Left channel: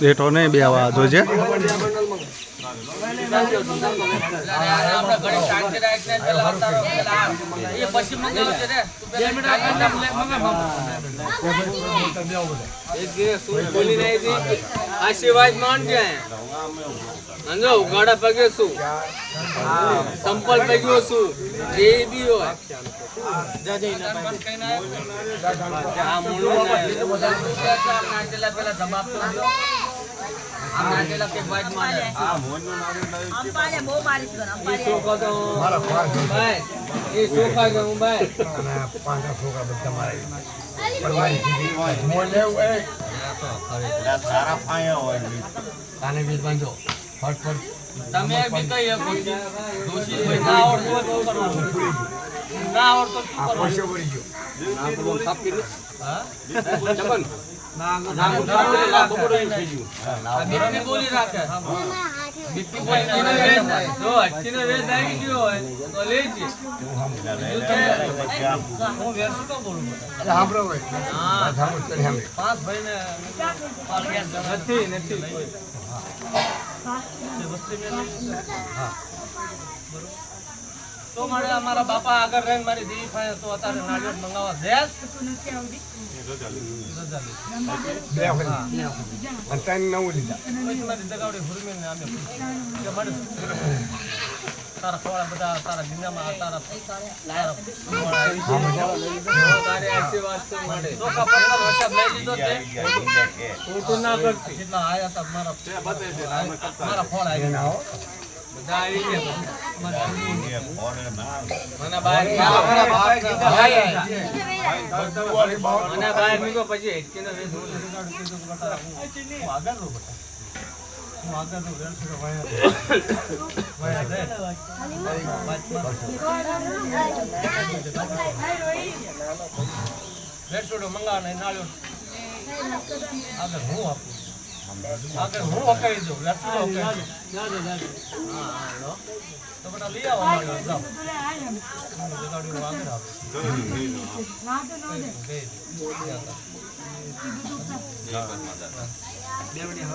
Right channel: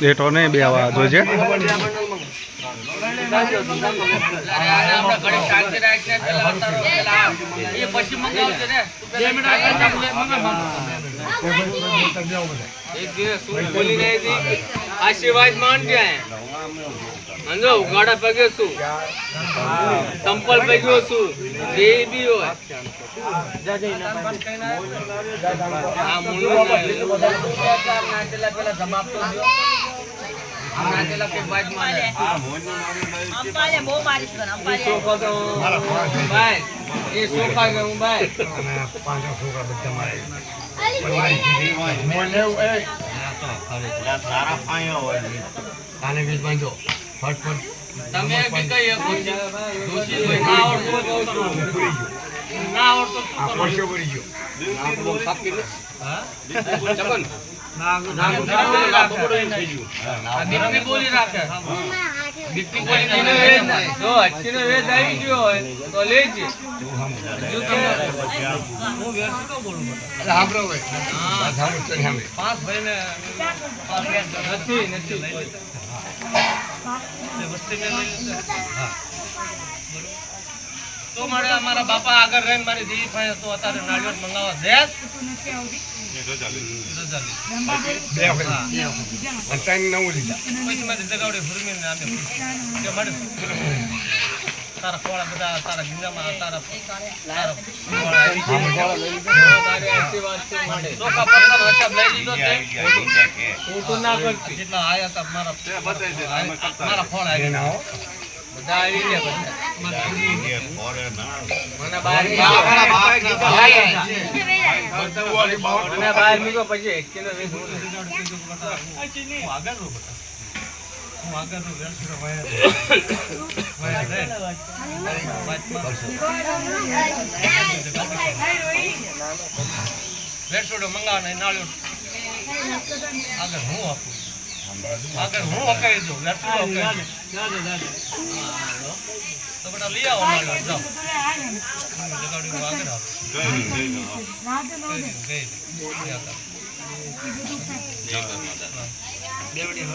બેઠો નહીં બે આવા જોજે आशीर्वाद मान क्या है अंदर उगाड़ा पगे सु संपल पगे सु जे भी हो जा जा ना पाए हां मुल्लो ना पेला समाप्त हो हमना चला के बाज मारे हां मोन नो नारे पाले बो मारिस करा ये सोखा तो मारा भाई ये सोखा के हूं भाई पांच सोखा बच्चा मारे भाई मोन ले ए सारा पाया हो काने बीच बांधो फट તમે બી કઈ એક દોશી ભાઈ ના આવડતો ના આવડતો આ પૈસો ભરી ગયો હા ચકન દીકરી બોલી રાખે દીકરી બોલી તો અટકીને વેદ આવી ગયો હોય તો લેજે હું વેરસુ તો બોલું અરે સાંભળો ભાઈ હા સાંભળો તો સાંભળે પાંચ ભાઈને નથી વસ્તી ને લઈ હા તો મારે અમારા બાપા આગળ રહીને મારી દીદી પાસે તો અત્યારે નાળિયેર મંગાવવા દેસ તારા ખોળા બધા તારા ગીંજામાં તારા ચોખા પત્તા હિસાબ લઈ લીધો ના કરતી જેટલા આયા હતા મારા ખોળા બધા આવી વેરસોડો મંગાવવાનો નાળિયો આગળ હું આપું આગળ હું હકાઈ દઉં વેરસોડો હકાઈ તો બેટા લઈ આવો નાળિયો જાઓ જગાડ્યું આગળ આવો